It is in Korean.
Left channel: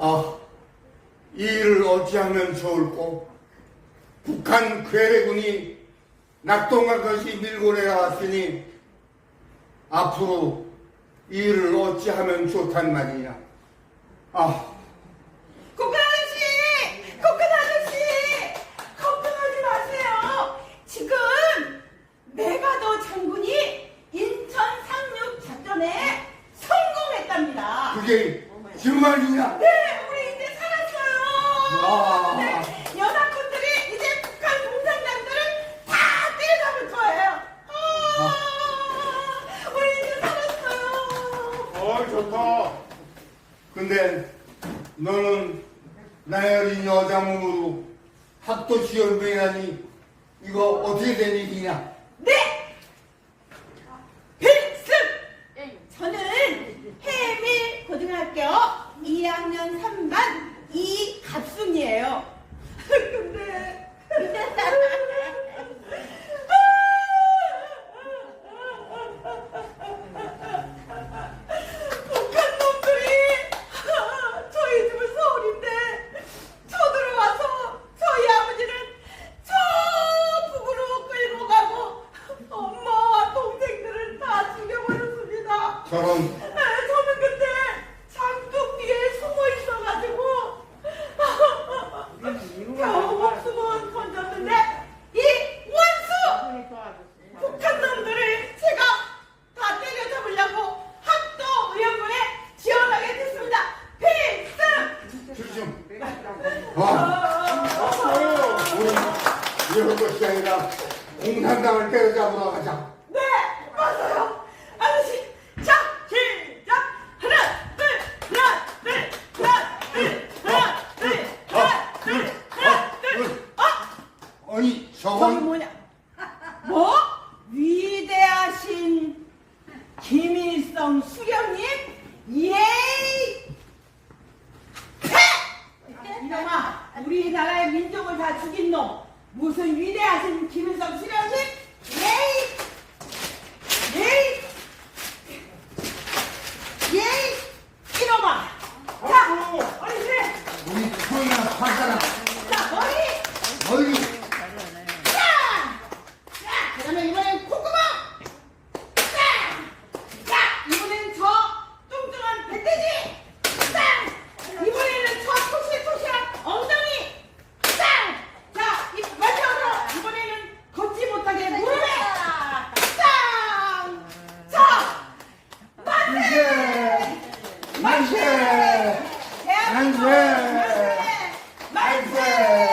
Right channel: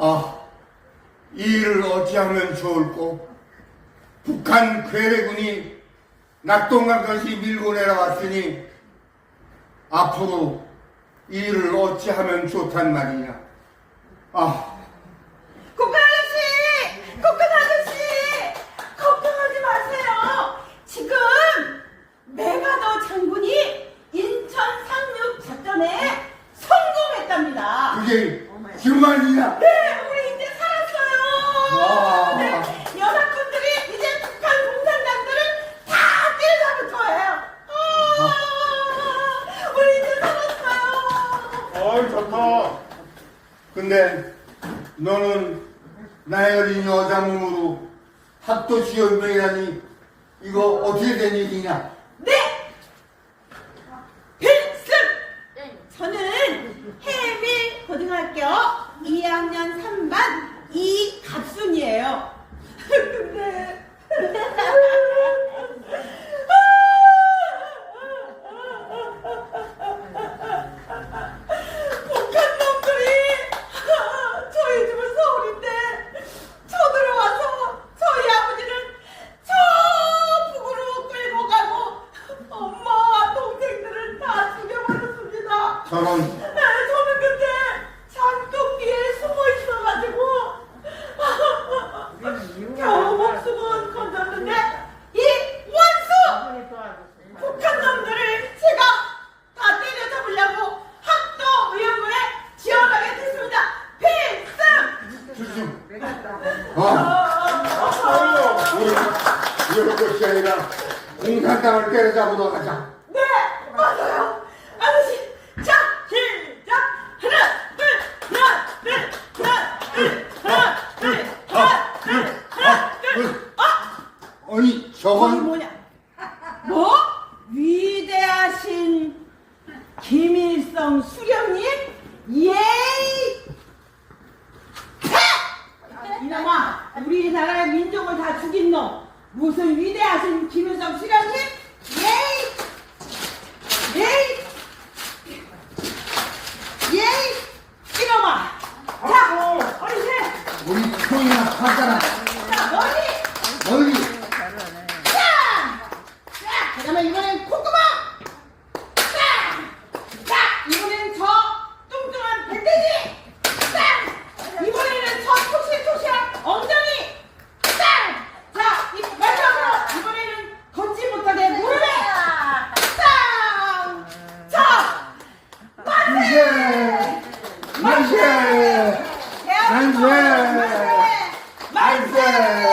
아, 이 일을 어찌하면 좋을꼬? 북한 괴뢰군이 낙동강까지 밀고 내려갔으니 앞으로 이 일을 어찌하면 좋단 말이냐? 아, 국가 아저씨! 국가 아저씨! 걱정하지 마세요. 지금 메가더 장군이 인천 상륙 작전에 성공했답니다. 그게 정말이냐? 네, 우리 이제 살았어요. 와. 네, 연합군들이 이제 북한 공산당들을 다 때려잡을 거예요. 아, 우리 이제 살았어요. 어이 좋다. 근데 너는 나의 어린 여자 몸으로 학도 지원배라니 이거 어떻게 된 일이냐? 네! 필승! 저는 해밀 고등학교 2학년 3반 이갑순이에요. 근데 북한 놈들이 저희 집은 서울인데 쳐들어와서 저희 아버지는 저 북으로 끌고 가고 엄마와 동생들을 다 죽여버렸습니다 네, 저는 그때 장독기에 숨어 있어가지고 겨우 건졌는데 이 원수 북한 놈들을 제가 다 때려잡으려고 학도 의원부에 지원하게 됐습니다. 필승! 아, 우리 이럴 것이 아니라 공산당을 때려잡으러 가자 네, 맞아요. 아저씨, 자, 시작. 하나, 둘, 하나, 둘, 하나, 둘, 하나, 둘, 하나, 둘, 하나, 둘. 아, 아니 거기 저건 뭐냐? 뭐? 위대하신 김일성 수령님? 예이! 해! 이놈아, 우리나라의 민족을 다 죽인 놈. 무슨 위대하신 김일성 수령님? 예이! 예이! 예이! 이놈아! 자, 해! 우리 표이나 하잖아 자, 머리! 자, 그 다음에 이번엔 콧구멍! 자! 자, 이번엔 저 뚱뚱한 배대지! 자! 이번에는 저 토실토실한 엉덩이! 자! 자, 이, 마지막으로 이번에는 걷지 못하게 무릎에! 자! 자! 만세 만세 대한민국 만세 만세! 만세